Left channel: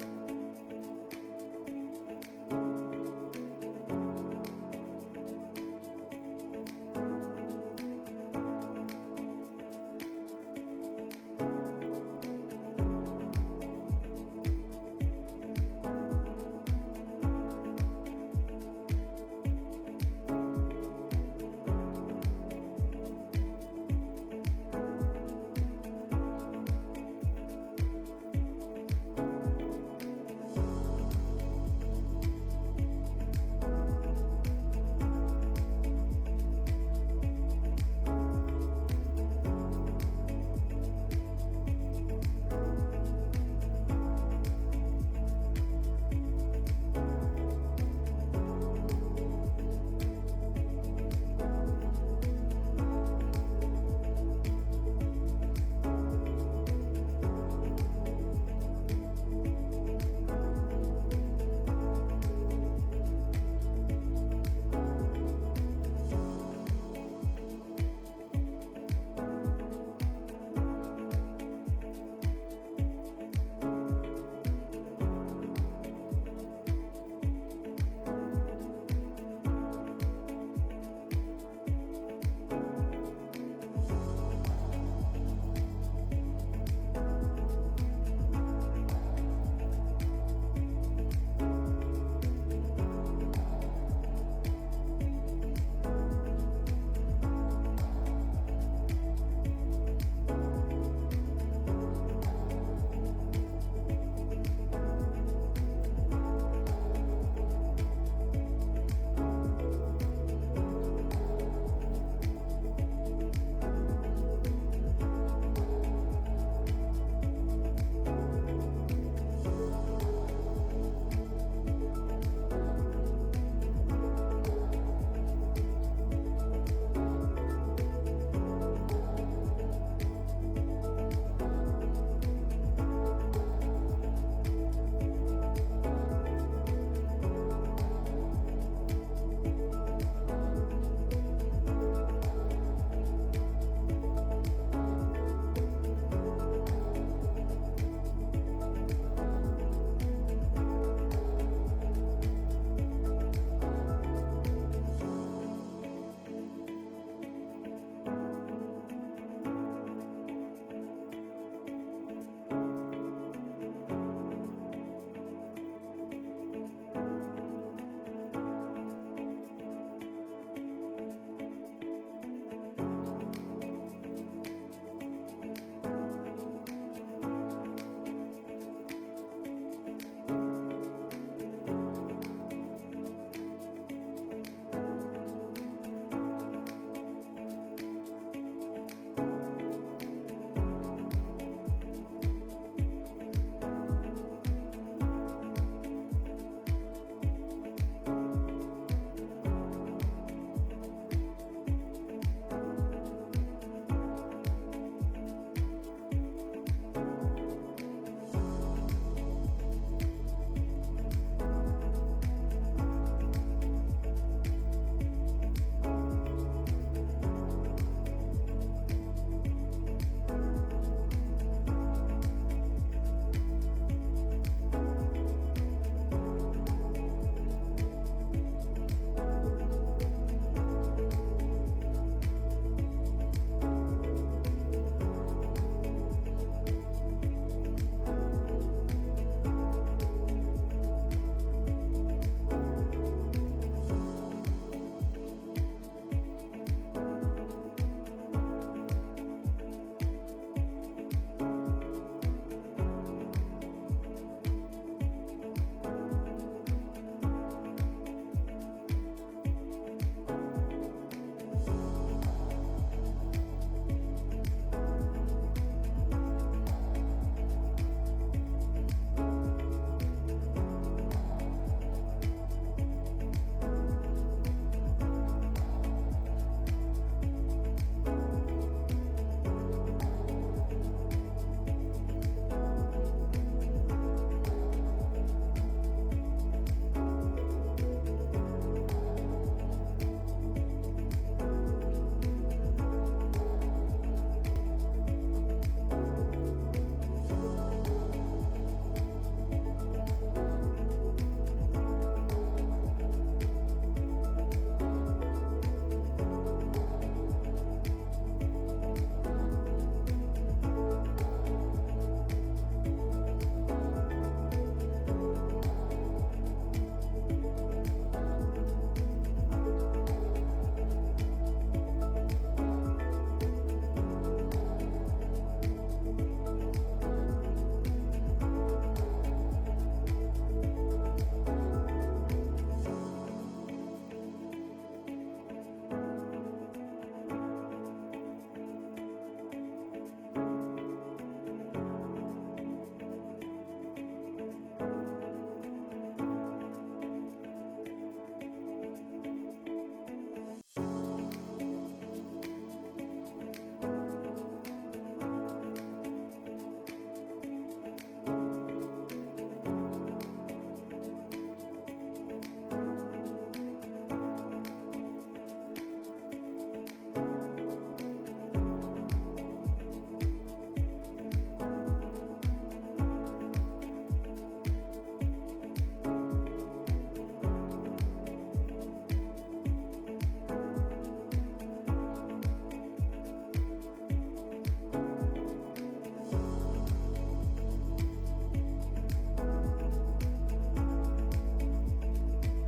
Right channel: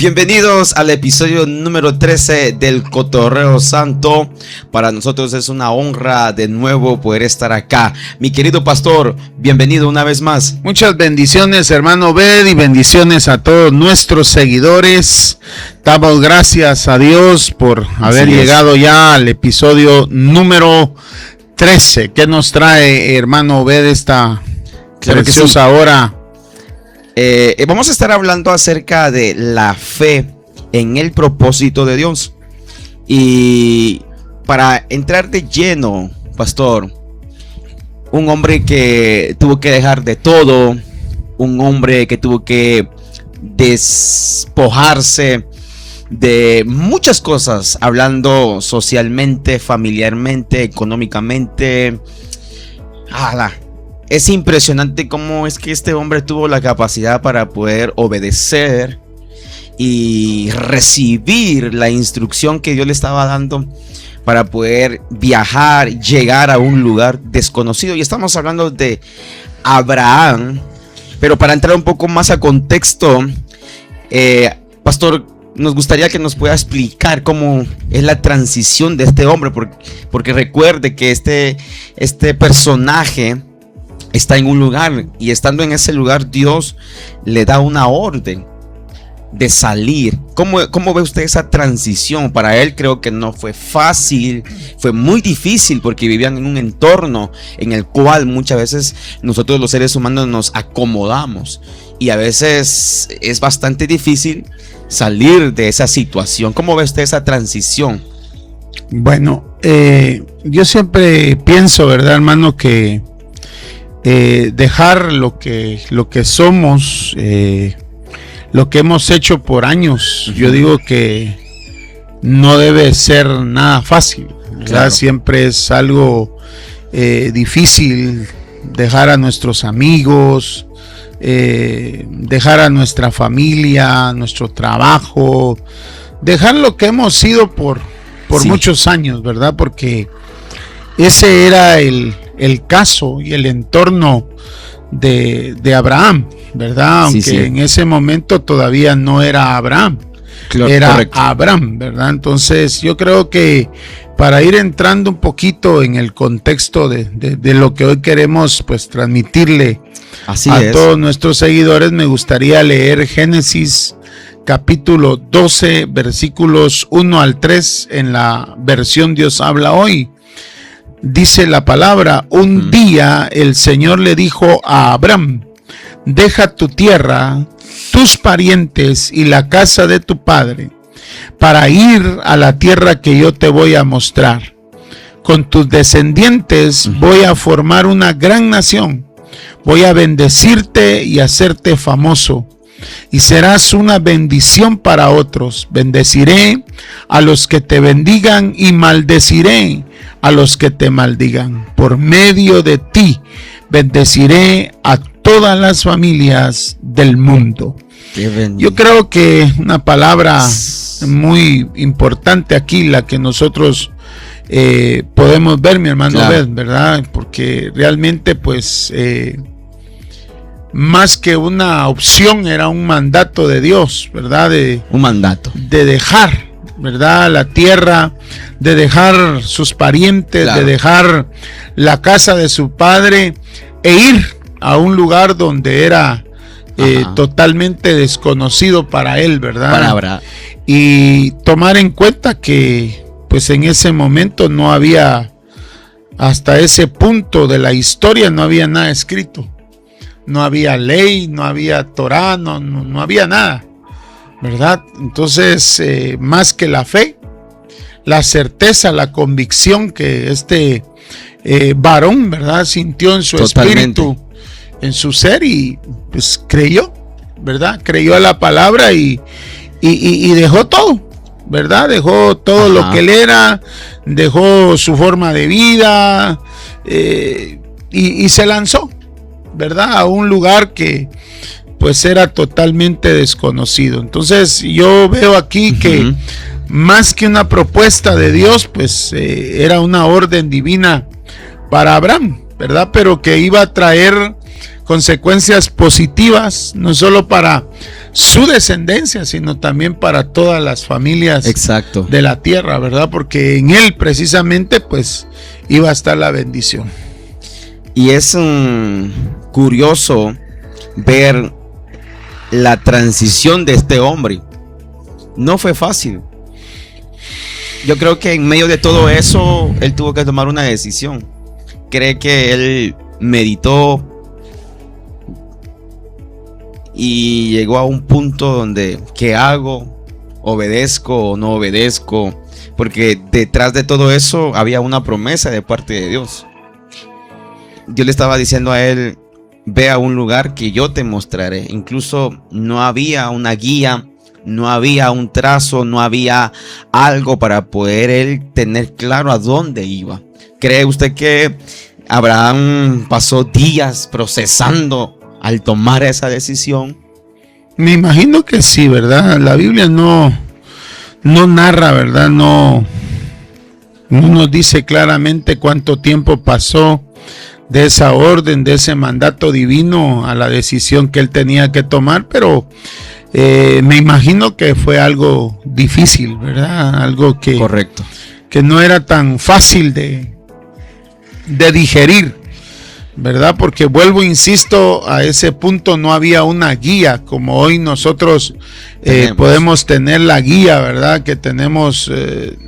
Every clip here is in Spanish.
Bienvenidos al episodio número 13 del Cotorreo Santo. Para nosotros es una honra de nuevo poder estar acá. Mi querido pastor, bienvenido una vez más. Muchas bendiciones, hermano Obed, y bendiciones a todos nuestros seguidores. Damos gracias a Dios por haber llegado ya al episodio número 13. ¿Qué nos trae, hermano Obed, esta preciosa hora? Vamos a estar hablando acerca de la fe en el propósito de Dios. Y para entrar de lleno, pastor, un hombre que tuvo que dejar de todo, un hombre que tuvo que despojarse de muchas cosas, hablando socialmente, familiarmente, económicamente. Es impresionante cómo es que este hombre tuvo la capacidad para poder obedecer y recibir la instrucción que Dios le estaba dando para poder viajar, llegar a un lugar desconocido. Y estamos hablando de Abraham. Pero para entrar un poco más a contexto, pastor, nos gustaría que nos pueda explicar cómo es la transición de este hombre, porque recuerde que este personaje está en un lugar, y estando en ese lugar Dios le da una orden de salir. ¿Cómo ve usted esa transición? Para él creo que no fue fácil, fue muy difícil, porque vivían en un entorno en el cual muchas veces nosotros los seres humanos nos acomodamos, y a veces es bastante difícil salir de esa situación. ¿Cómo ve usted esa transición? Bueno, yo siempre pienso, ¿verdad, hermano?, que dejar lo que somos, lo que hemos hecho por años, yo digo que no debe ser nada fácil, ¿verdad? Claro. Siempre es algo difícil dejar a nuestros amigos, dejar a nuestra familia, nuestro trabajo, dejar lo que hemos sido por muchos años, ¿verdad? Porque ese era el caso y el entorno de Abraham, ¿verdad? Aunque en ese momento todavía no era Abraham, era correcto. Abraham, ¿verdad? Entonces yo creo que para ir entrando un poquito en el contexto de lo que hoy queremos pues transmitirle a todos nuestros seguidores, me gustaría leer Génesis capítulo 12 versículos 1 al 3 en la versión Dios habla hoy. Dice la palabra: un día el Señor le dijo a Abraham: deja tu tierra, tus parientes y la casa de tu padre, para ir a la tierra que yo te voy a mostrar. Con tus descendientes voy a formar una gran nación. Voy a bendecirte y hacerte famoso, y serás una bendición para otros. Bendeciré a los que te bendigan y maldeciré a los que te maldigan. Por medio de ti bendeciré a todas las familias del mundo. Yo creo que una palabra muy importante aquí, la que nosotros podemos ver, mi hermano, claro, ¿verdad? Porque realmente pues más que una opción, era un mandato de Dios, ¿verdad? Un mandato de dejar, ¿verdad?, la tierra, de dejar sus parientes, claro, de dejar la casa de su padre e ir a un lugar donde era totalmente desconocido para él, ¿verdad? Para Abraham. Y tomar en cuenta que pues en ese momento no había, hasta ese punto de la historia no había nada escrito, no había ley, no había Torá, no había nada, ¿verdad? Entonces más que la fe, la certeza, la convicción que este varón, ¿verdad?, sintió en su espíritu, en su ser, y pues creyó, ¿verdad? Creyó a la palabra y dejó todo, ¿verdad? Dejó todo lo que él era, dejó su forma de vida y se lanzó, ¿verdad?, a un lugar que pues era totalmente desconocido. Entonces yo veo aquí que más que una propuesta de Dios, pues era una orden divina para Abraham, ¿verdad? Pero que iba a traer consecuencias positivas, no solo para su descendencia, sino también para todas las familias Exacto. de la tierra, ¿verdad? Porque en él precisamente pues iba a estar la bendición. Y es curioso ver la transición de este hombre. No fue fácil. Yo creo que en medio de todo eso, él tuvo que tomar una decisión. Cree que él meditó y llegó a un punto donde, ¿qué hago? ¿Obedezco o no obedezco? Porque detrás de todo eso había una promesa de parte de Dios. Dios le estaba diciendo a él: ve a un lugar que yo te mostraré. Incluso no había una guía, no había un trazo, no había algo para poder él tener claro a dónde iba. ¿Cree usted que Abraham pasó días procesando al tomar esa decisión? Me imagino que sí, ¿verdad? La Biblia no narra, ¿verdad? No nos dice claramente cuánto tiempo pasó de esa orden, de ese mandato divino a la decisión que él tenía que tomar, pero me imagino que fue algo difícil, ¿verdad? Algo que, correcto, que no era tan fácil de digerir, ¿verdad? Porque vuelvo, insisto, a ese punto no había una guía como hoy nosotros podemos tener la guía, ¿verdad? Que tenemos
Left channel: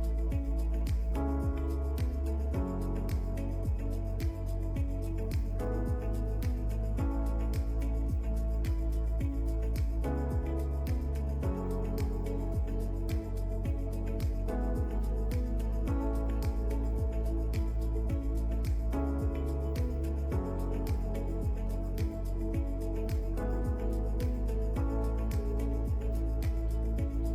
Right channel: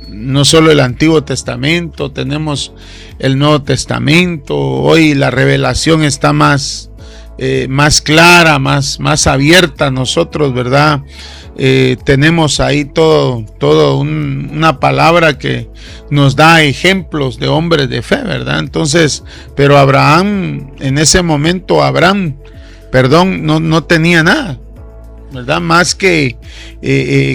no solo el Antiguo Testamento, tenemos el Nuevo Testamento. Un la revelación está más clara, más abierta a nosotros, ¿verdad? Tenemos ahí todo una palabra que nos da ejemplos de hombres de fe, ¿verdad? Entonces, pero Abraham, en ese momento, no tenía nada, ¿verdad? Más que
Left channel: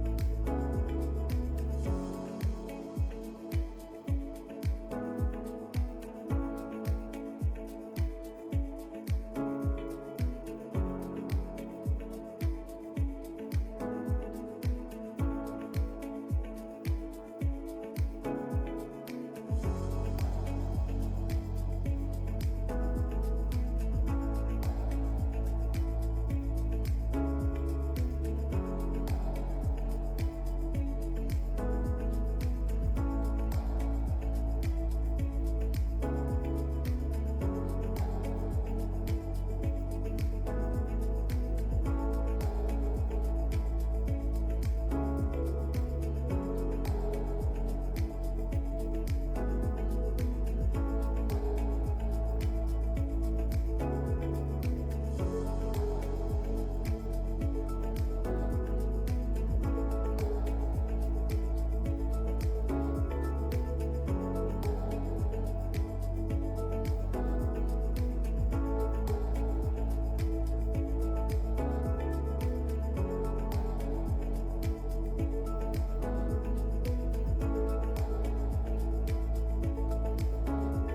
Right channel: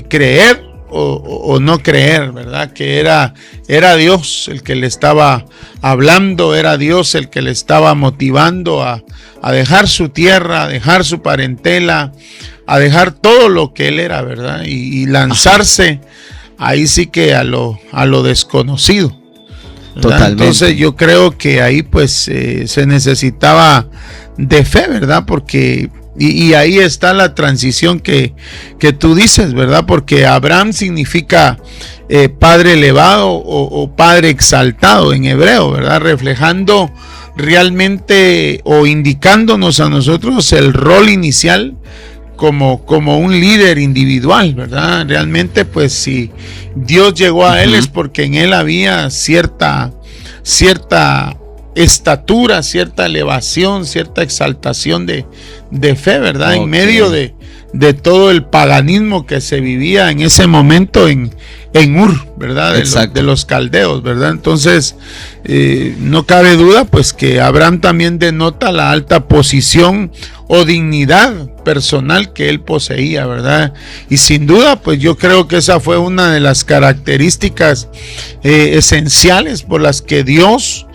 creer o no creer, ¿verdad? Que era Dios el que le estaba hablando, era Dios el que le estaba motivando a dejar su tierra, a dejar su parentela, a dejar todo lo que él era, ¿verdad? Y lanzarse ahí sí que a lo desconocido, ¿verdad? Totalmente. Entonces yo creo que ahí pues se necesitaba de fe, ¿verdad? Porque y ahí está la transición que tú dices, ¿verdad? Porque Abraham significa padre elevado o padre exaltado en hebreo, ¿verdad? Reflejando realmente o indicándonos a nosotros el rol inicial como un líder individual, ¿verdad? Realmente pues si Dios llegó a él es porque en él había cierta estatura, cierta elevación, cierta exaltación de fe, ¿verdad? Okay. En medio de todo el paganismo que se vivía en ese momento en Ur, ¿verdad? De los caldeos, ¿verdad? Entonces, no cabe duda, pues, que Abraham también denota la alta posición o dignidad personal que él poseía, ¿verdad? Y sin duda, pues, yo creo que esa fue una de las características esenciales por las que Dios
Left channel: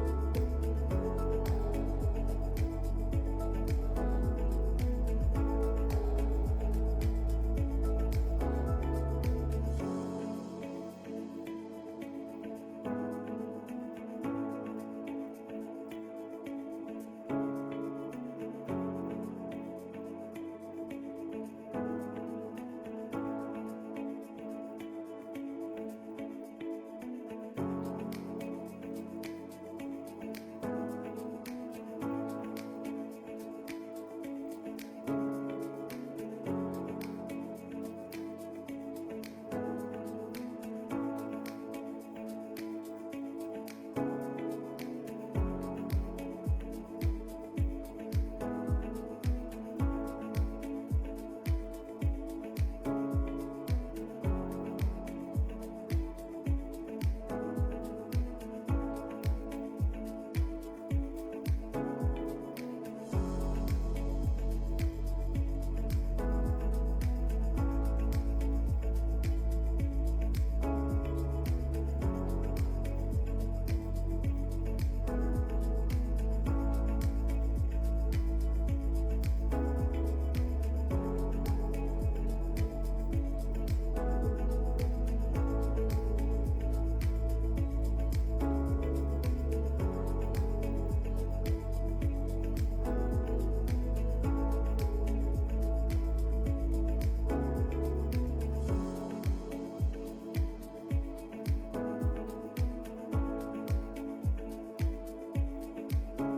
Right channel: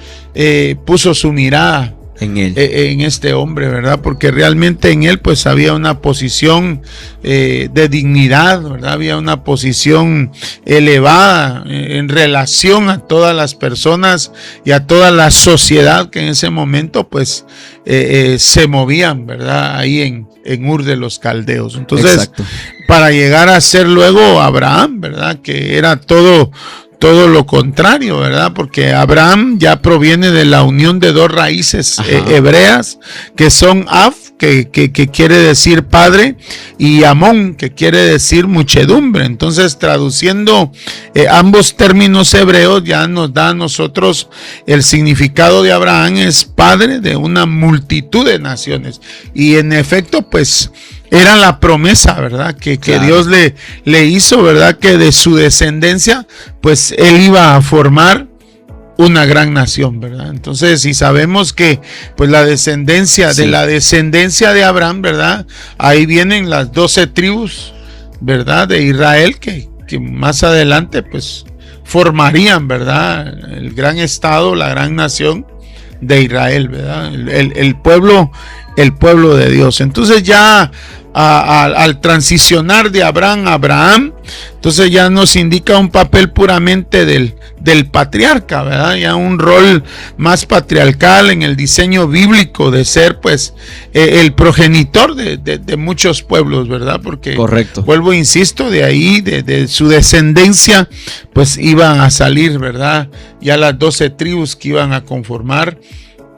puso su mirada en él, en este hombre, ¿verdad? Porque realmente en él pues había una posición de dignidad, ¿verdad? Había una posición elevada en relación a todas las personas y a toda la sociedad que en ese momento pues se movían, ¿verdad? Ahí en Ur de los Caldeos. Entonces, para llegar a ser luego Abraham, ¿verdad? Que era todo lo contrario, ¿verdad? Porque Abraham ya proviene de la unión de dos raíces hebreas, que son Av, que quiere decir padre, y Amón, que quiere decir muchedumbre. Entonces, traduciendo ambos términos hebreos, ya nos da a nosotros el significado de Abraham es padre de una multitud de naciones. Y en efecto, pues, era la promesa, ¿verdad? Que Dios le hizo, ¿verdad? Que de su descendencia, pues él iba a formar una gran nación, ¿verdad? Entonces, si sabemos que pues la descendencia de Abraham, ¿verdad? Ahí vienen las 12 tribus, ¿verdad? De Israel que más adelante pues formarían, ¿verdad? El gran estado, la gran nación de Israel, ¿verdad? El pueblo el pueblo de Dios. Entonces ya al transicionar de Abraham a Abraham, entonces ya nos indica un papel puramente del patriarca, ¿verdad? Ya un rol más patriarcal en el diseño bíblico de ser pues el progenitor de muchos pueblos, ¿verdad? Porque correcto, vuelvo, insisto, de ahí, de su descendencia, pues iban a salir, ¿verdad? Ya las 12 tribus que iban a conformar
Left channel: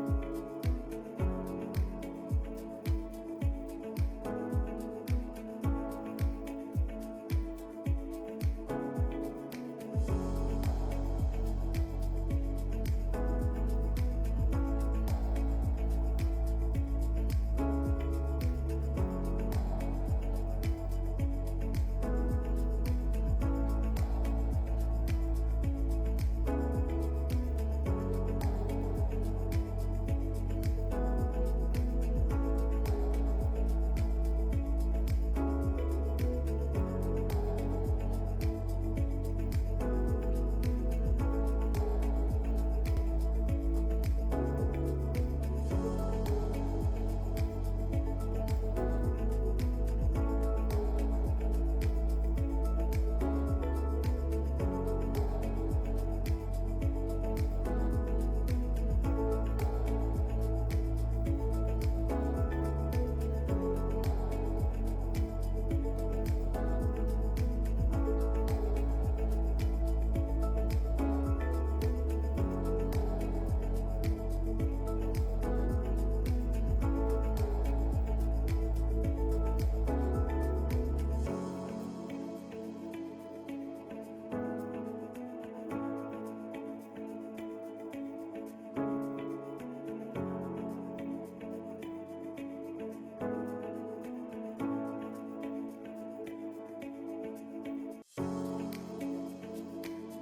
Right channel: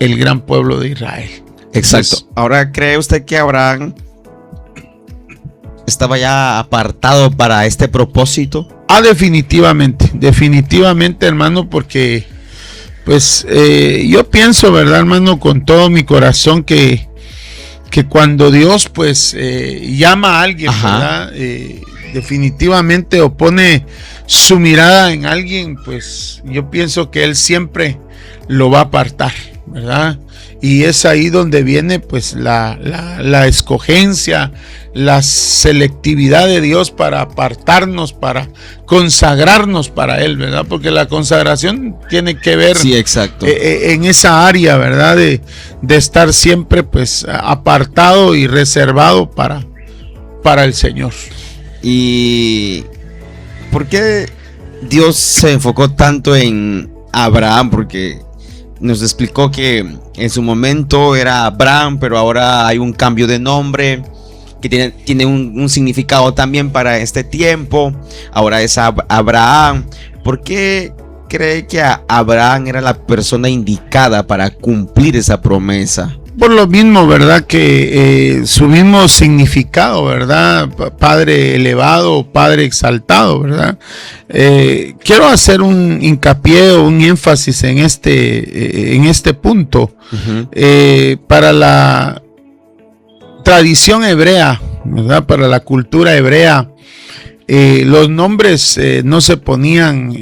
el gran pueblo de Israel. Exacto. Entonces, ahora, ¿cree usted que Abraham estaba ya apartado para este propósito? Definitivamente, hermano, porque pues yo pienso, ¿verdad, hermano, con todo mi corazón que cuando Dios pues llama a alguien, ¿verdad? Definitivamente, o pone su mirada en alguien, pues yo pienso que Él siempre lo va a apartar, ¿verdad? Y es ahí donde viene pues la escogencia, la selectividad de Dios para apartarnos, para consagrarnos para Él, ¿verdad? Porque la consagración tiene que ver, sí, exacto, en esa área, ¿verdad? De estar siempre pues apartado y reservado para el Señor. ¿Y por qué Dios se enfocó tanto en Abraham? Porque nos explicó que en su momento era Abraham, pero ahora hay un cambio de nombre que tiene un significado también para este tiempo. Ahora es Abraham. ¿Por qué cree que Abraham era la persona indicada para cumplir esa promesa? Por lo mismo, ¿verdad? Que su mismo significado, ¿verdad? Padre elevado, Padre exaltado, ¿verdad? Quiero hacer un hincapié o un énfasis en este punto. Para la tradición hebrea, ¿verdad? Para la cultura hebrea, los nombres no se ponían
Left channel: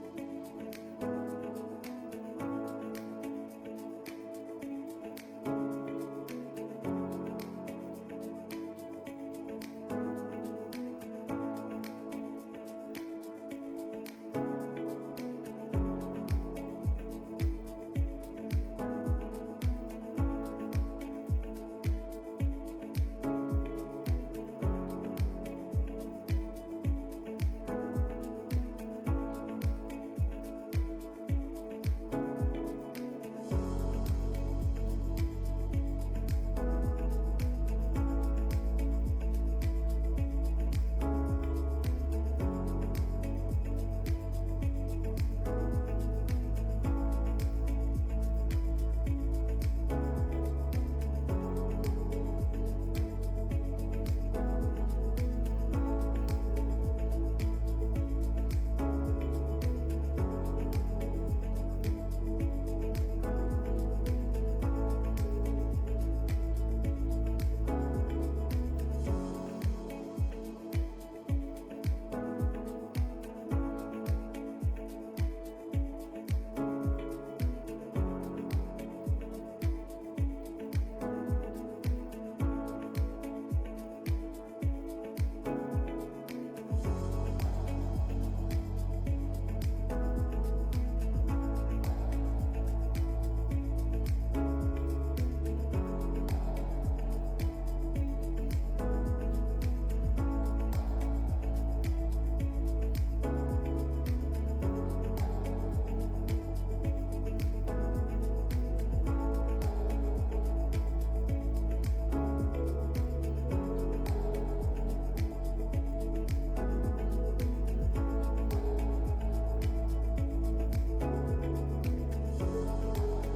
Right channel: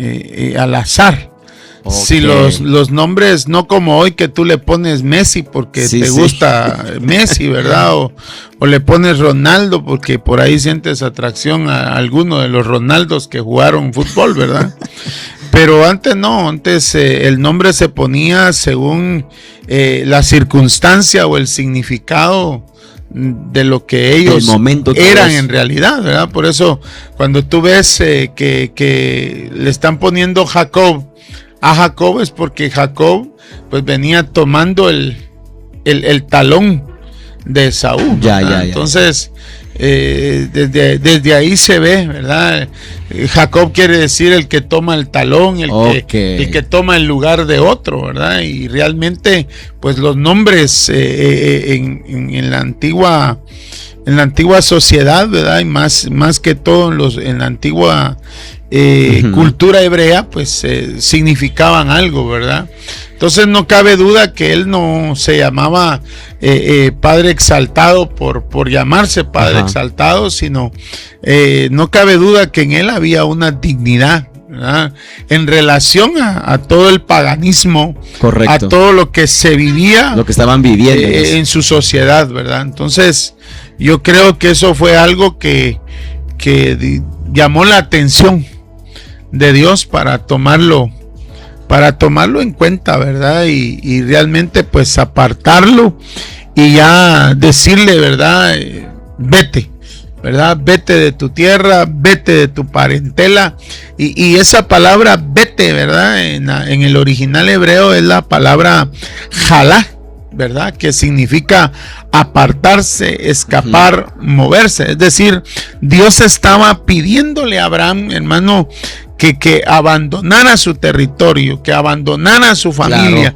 al azar. Okay. Si los nombres, no como hoy que tú le pones Messi porque te gusta Messi, ¿verdad? O le pones Ronaldo porque por ahí sientes atracción a alguno de los Ronaldos que jugaron fútbol, ¿verdad? Pero antes no, antes el nombre se ponía según la circunstancia o el significado de lo que ellos eran en realidad, ¿verdad? Por eso cuando tú ves que le están poniendo Jacob a Jacob, es porque Jacob pues venía tomando el talón de Esaú. Ya. Entonces desde ahí se ve, ¿verdad? Jacob quiere decir el que toma el talón, el que toma el lugar de otro, ¿verdad? Y realmente pues los nombres en la antigua sociedad, ¿verdad? Y más que todo en la antigua cultura hebrea, pues significaban algo, ¿verdad? Entonces no cabe duda que él no se llamaba Padre exaltado por llamarse Padre exaltado, sino no cabe duda que en él había una dignidad, ¿verdad? En relación a todo el paganismo, correcto, a todo lo que se vivía, lo que estaban viviendo en su sociedad, ¿verdad? Entonces yo creo que eso fue algo que llamó la atención de Dios para tomarlo en cuenta, ¿verdad? Y realmente pues apartarlo y ya decirle, ¿verdad? Vete, ¿verdad? Vete de tu tierra, vete de tu parentela. Y esa palabra vete, ¿verdad? En el original hebreo es la palabra jalá, ¿verdad? Que significa apartarse, escapar, moverse. Es decir, Dios estaba pidiéndole a Abraham, hermano, que abandonara su territorio, que abandonara su familia,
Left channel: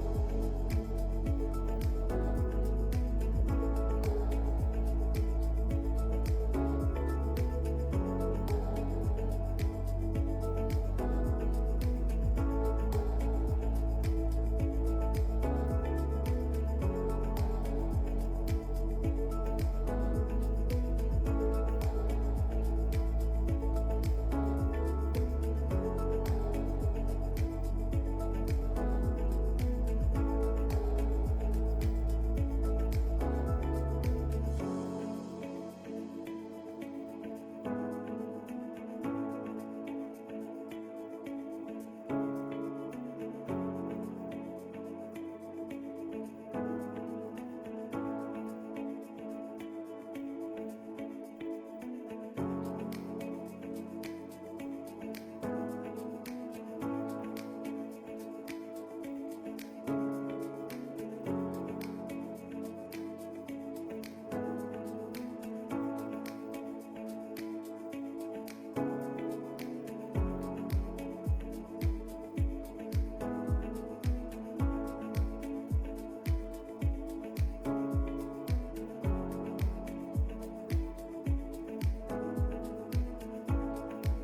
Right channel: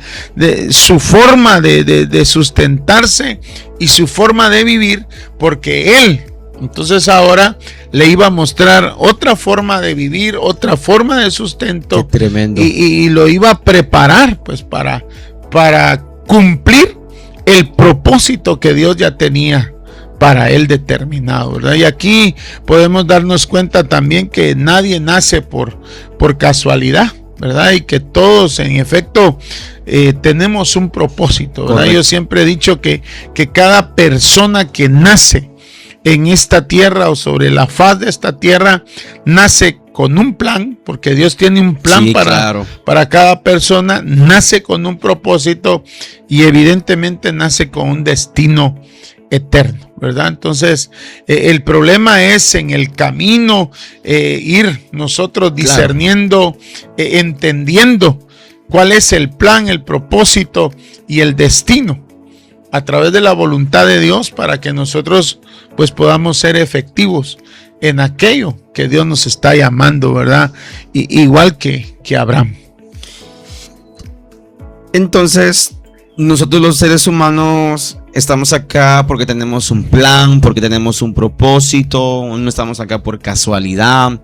su forma de sustentarse y su forma de vivir, porque él entonces ahora le iba a mostrar otra forma de vivir, otra forma de sustento. Qué tremendo. Y lo iba a preparar pues para cumplir el propósito que Dios ya tenía para él determinado, ¿verdad? Y aquí podemos darnos cuenta también que nadie nace por casualidad, ¿verdad? Y que todos en efecto tenemos un propósito, ¿verdad? Correcto. Yo siempre he dicho que cada persona que nace en esta tierra o sobre la faz de esta tierra nace con un plan, porque Dios tiene un plan para cada persona, nace con un propósito y evidentemente nace con un destino eterno, ¿verdad? Entonces, el problema es en el camino ir nosotros discerniendo, entendiendo cuál es el plan, el propósito y el destino a través de la voluntad de Dios, para que nosotros pues podamos ser efectivos en aquello que Dios nos está llamando, ¿verdad? Igual que Abraham. Entonces, nosotros los seres humanos estamos acá porque tenemos un plan, porque tenemos un propósito. No estamos acá por casualidad.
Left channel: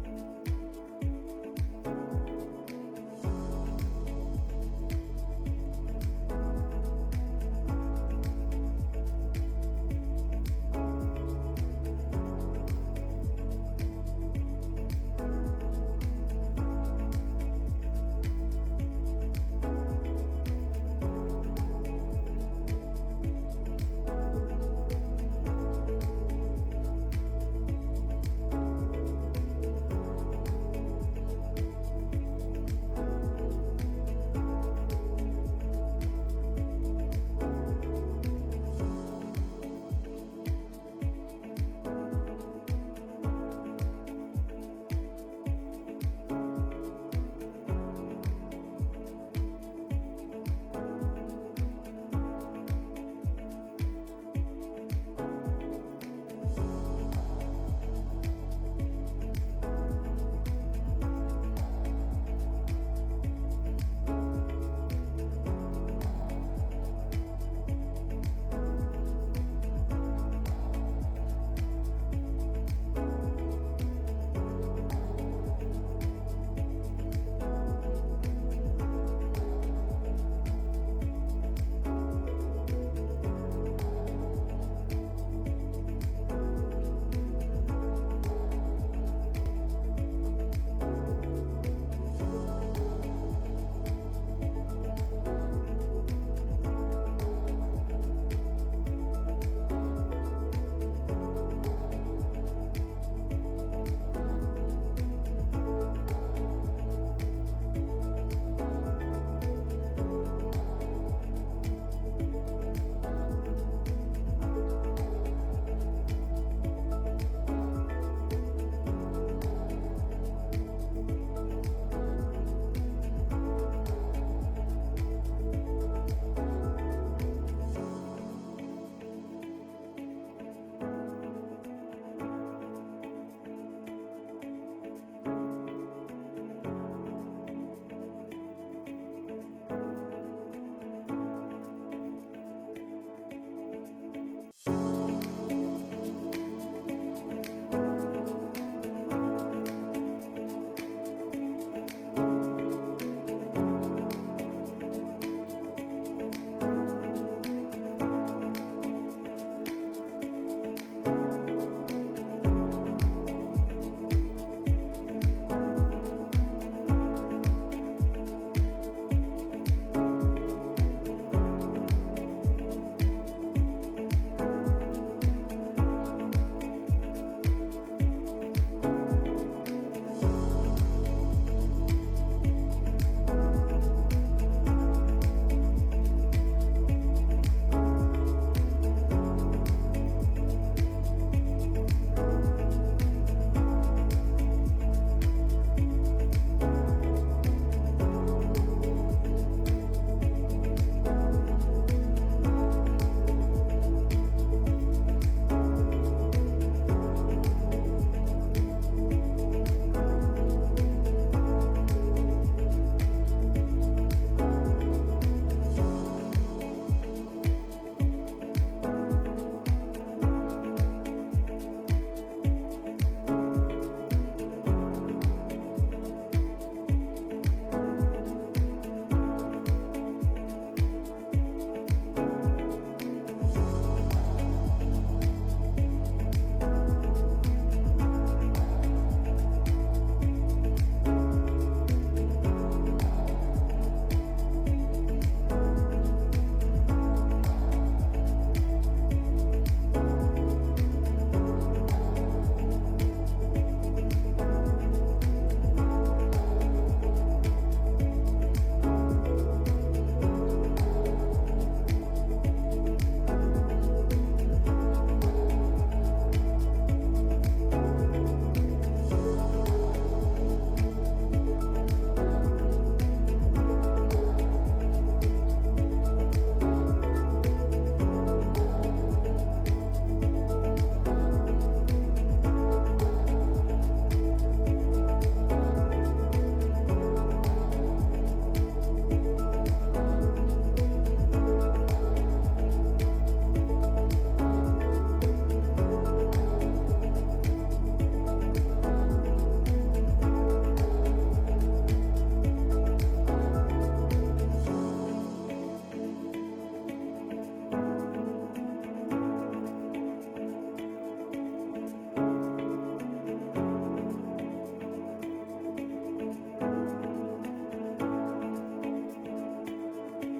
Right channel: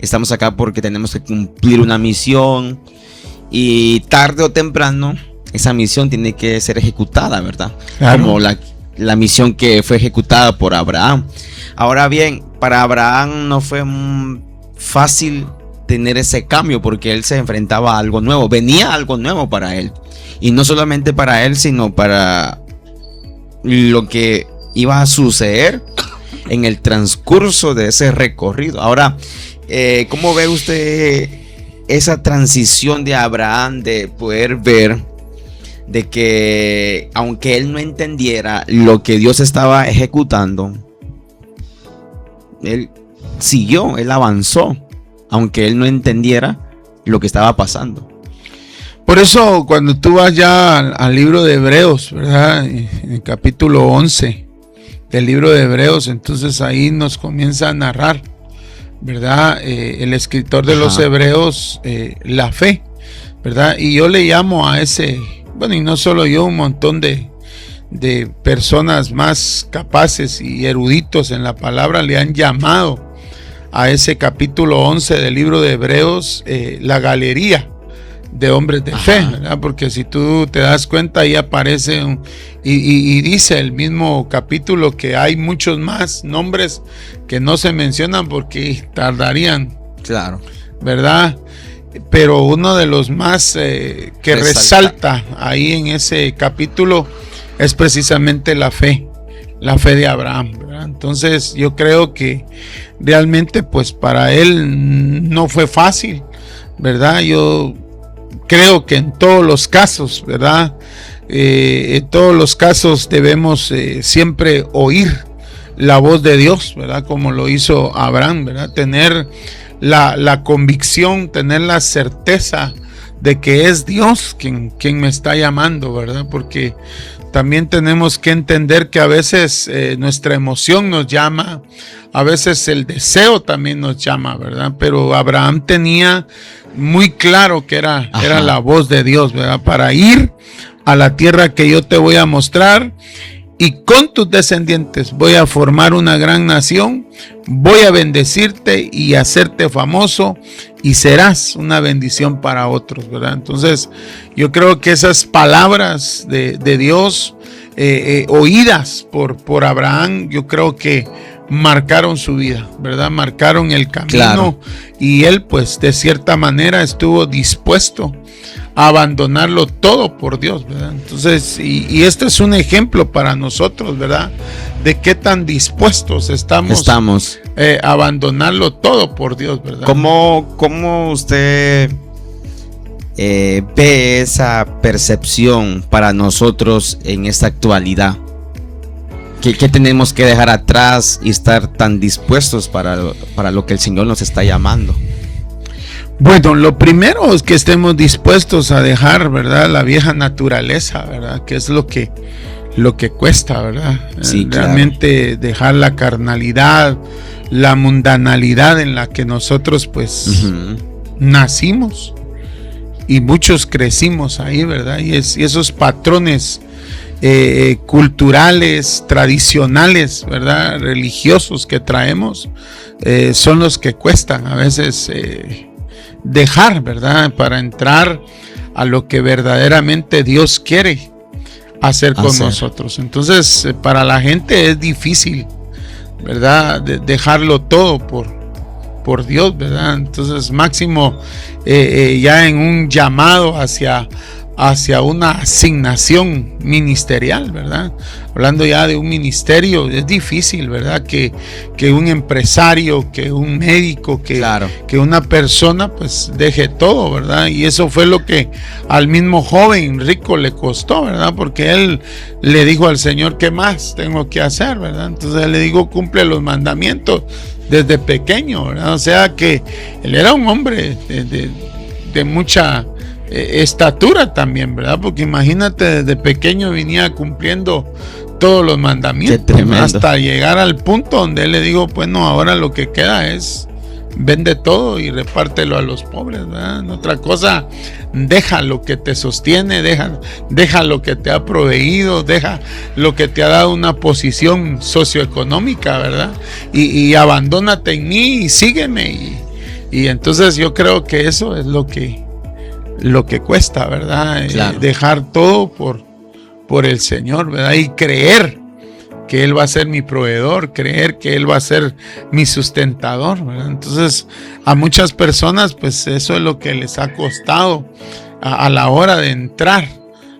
Estamos acá porque tenemos que cumplir una misión. Y tarde o temprano, esa misión tiene que ser ejecutada, ¿verdad? Claro. Como la misión que fue ejecutada por Abraham. Ahora bien, para Abraham no fue fácil tener ese cambio, porque él se enfrentaba a algo nuevo. Venía algo nuevo para él. Y no solamente para él, sino para lo que iba a suceder en el transcurso de ese recorrido. Ahora, ¿cómo ve usted esa transición de Abraham, de poder ver de que aunque él no entendiera lo que Dios estaba ejecutando, él siguió, él avanzó, aunque él no entendiera lo que estaba pasando? Por eso, cuando tú vas ya al libro de Hebreos, ¿verdad? En el capítulo 11 del libro de Hebreos, entonces ahí nos comienza a narrar, ¿verdad? El escritor de los Hebreos, la fe, ¿verdad? Y yo le llamo a ese, bueno, y no solo yo, un montón de personas más capaces y eruditos en la palabra le han llamado a ese capítulo 11 del libro de Hebreos la galería de hombres de fe, ¿verdad? Porque si tú te das cuenta, ahí aparece y dice el mismo capítulo que hay muchos más nombres que no se mencionan porque tardarían, claro, ¿verdad? Pero uno de los más que resalta ahí en ese capítulo es precisamente la fe de Abraham, ¿verdad? Entonces yo creo que realmente pues para él no fue fácil, ¿verdad? Yo creo que en todos los casos, ¿verdad? En todos los casos debemos siempre oír la voz de Dios, ¿verdad? Como lo hizo Abraham, ¿verdad? Tener la convicción, tener la certeza de que es Dios quien me está llamando, ¿verdad? Porque también tenemos que entender que a veces nuestra emoción nos llama, a veces el deseo también nos llama, ¿verdad? Pero Abraham tenía muy claro que era la voz de Dios, ¿verdad? Para ir a la tierra que yo te voy a mostrar, y con tus descendientes voy a formar una gran nación, voy a bendecirte y hacerte famoso, y serás una bendición para otros, ¿verdad? Entonces yo creo que esas palabras de Dios oídas por Abraham, yo creo que marcaron su vida, ¿verdad? Marcaron el camino, claro. Y él pues de cierta manera estuvo dispuesto a abandonarlo todo por Dios, ¿verdad? Entonces, y este es un ejemplo para nosotros, ¿verdad? De qué tan dispuestos estamos a abandonarlo todo por Dios, ¿verdad? ¿Cómo usted ve esa percepción para nosotros en esta actualidad? ¿Qué tenemos que dejar atrás y estar tan dispuestos para lo que el Señor nos está llamando? Bueno, lo primero es que estemos dispuestos a dejar, ¿verdad? La vieja naturaleza, ¿verdad? Que es lo que cuesta, ¿verdad? Sí, realmente claro. Dejar la carnalidad, la mundanalidad en la que nosotros pues nacimos, y muchos crecimos ahí, ¿verdad? Y esos patrones culturales, tradicionales, ¿verdad? Religiosos que traemos son los que cuestan a veces dejar, ¿verdad? Para entrar a lo que verdaderamente Dios quiere hacer con nosotros. Entonces para la gente es difícil, ¿verdad? Dejarlo todo por Dios, ¿verdad? Entonces máximo ya en un llamado hacia hacia una asignación ministerial, ¿verdad? Hablando ya de un ministerio, es difícil, ¿verdad? Que un empresario, que un médico, que una persona pues deje todo, ¿verdad? Y eso fue lo que al mismo joven rico le costó, ¿verdad? Porque él le dijo al Señor, ¿qué más tengo que hacer, ¿verdad? Entonces él le dijo, cumple los mandamientos desde pequeño, ¿verdad? O sea que él era un hombre de mucha estatura también, ¿verdad? Porque imagínate, desde pequeño venía cumpliendo todos los mandamientos hasta llegar al punto donde él le dijo, bueno, ahora lo que queda es vende todo y repártelo a los pobres, ¿verdad? Otra cosa, deja lo que te sostiene, deja lo que te ha proveído, deja lo que te ha dado una posición socioeconómica, ¿verdad? Y abandónate en mí y sígueme. Y entonces yo creo que eso es lo que cuesta, ¿verdad? Claro. Dejar todo por el Señor, ¿verdad? Y creer que Él va a ser mi proveedor, creer que Él va a ser mi sustentador, ¿verdad? Entonces, a muchas personas, pues eso es lo que les ha costado a la hora de entrar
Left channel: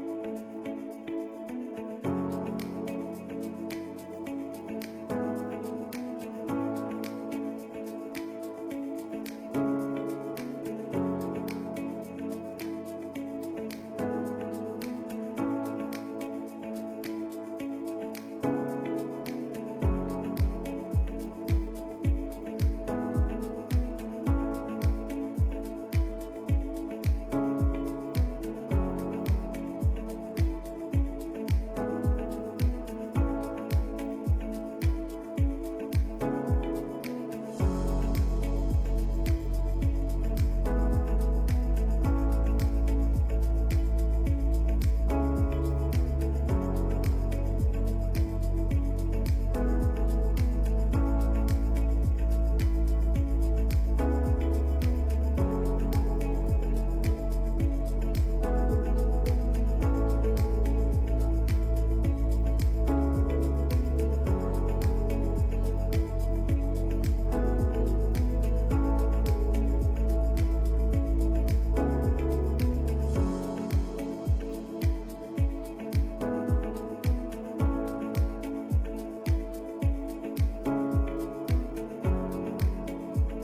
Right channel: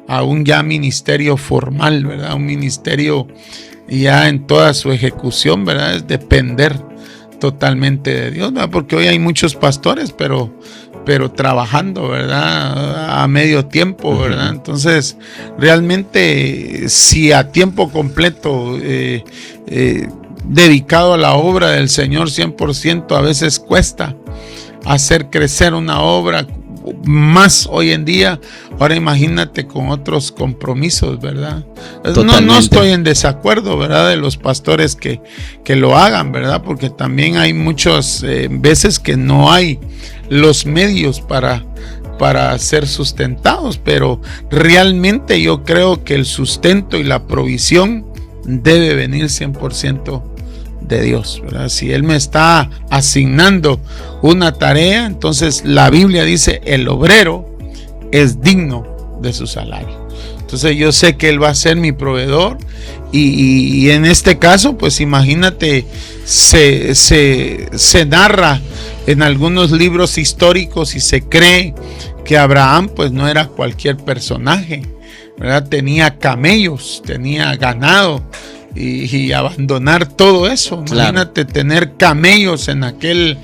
a un ya ministerio formal, ¿verdad? Un ministerio ya en toda su ejecución, ¿verdad? Es depender totalmente de Dios, ¿verdad? Porque hoy hay muchos pastores, pero trabajando, ¿verdad? A medio tiempo, ¿verdad? Entonces, realmente, si a tiempo completo, dedicado a la obra del Señor 100%, a veces cuesta hacer crecer una obra más hoy en día. Ahora imagínate con otros compromisos, ¿verdad? No estoy en desacuerdo, ¿verdad? De los pastores que lo hagan, ¿verdad? Porque también hay muchas veces que no hay los medios para ser sustentados, pero realmente yo creo que el sustento y la provisión debe venir 100% de Dios, ¿verdad? Si Él me está asignando una tarea, entonces la Biblia dice, el obrero es digno de su salario. Entonces yo sé que Él va a ser mi proveedor y en este caso, pues imagínate, se narra en algunos libros históricos y se cree que Abraham pues no era cualquier personaje, ¿verdad? Tenía camellos, tenía ganado. Y abandonar todo eso, claro. Imagínate tener camellos en aquel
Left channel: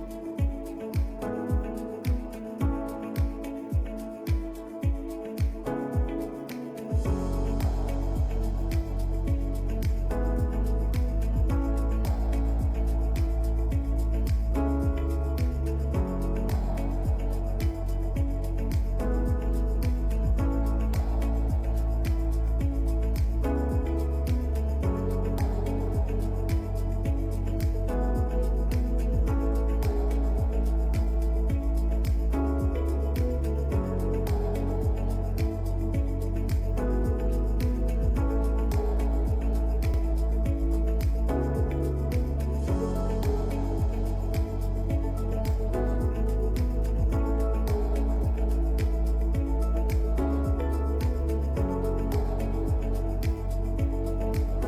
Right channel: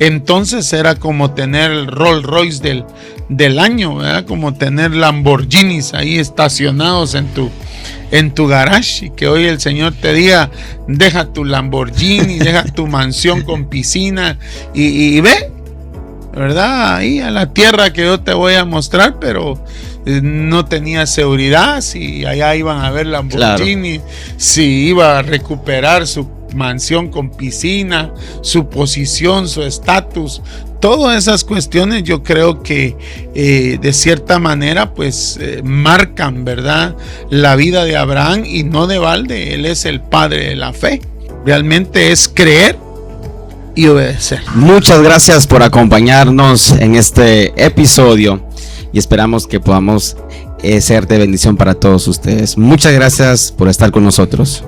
entonces era como tener el Rolls Royce del año, ¿verdad? Como tener Lamborghinis ahí estacionados en tu garage, y que hoy el Señor te diga, deja tu Lamborghini, deja tu mansión con piscina y ve, ¿verdad? Ahí a la tierra que yo te voy a mostrar, pero no tenía seguridad si allá iban a ver Lamborghini, claro. Si iba a recuperar su mansión con piscina, su posición, su estatus, todas esas cuestiones yo creo que de cierta manera pues marcan, ¿verdad?, la vida de Abraham, y no de balde, él es el padre de la fe. Realmente es creer y obedecer. Muchas gracias por acompañarnos en este episodio y esperamos que podamos ser de bendición para todos ustedes. Muchas gracias por estar con nosotros.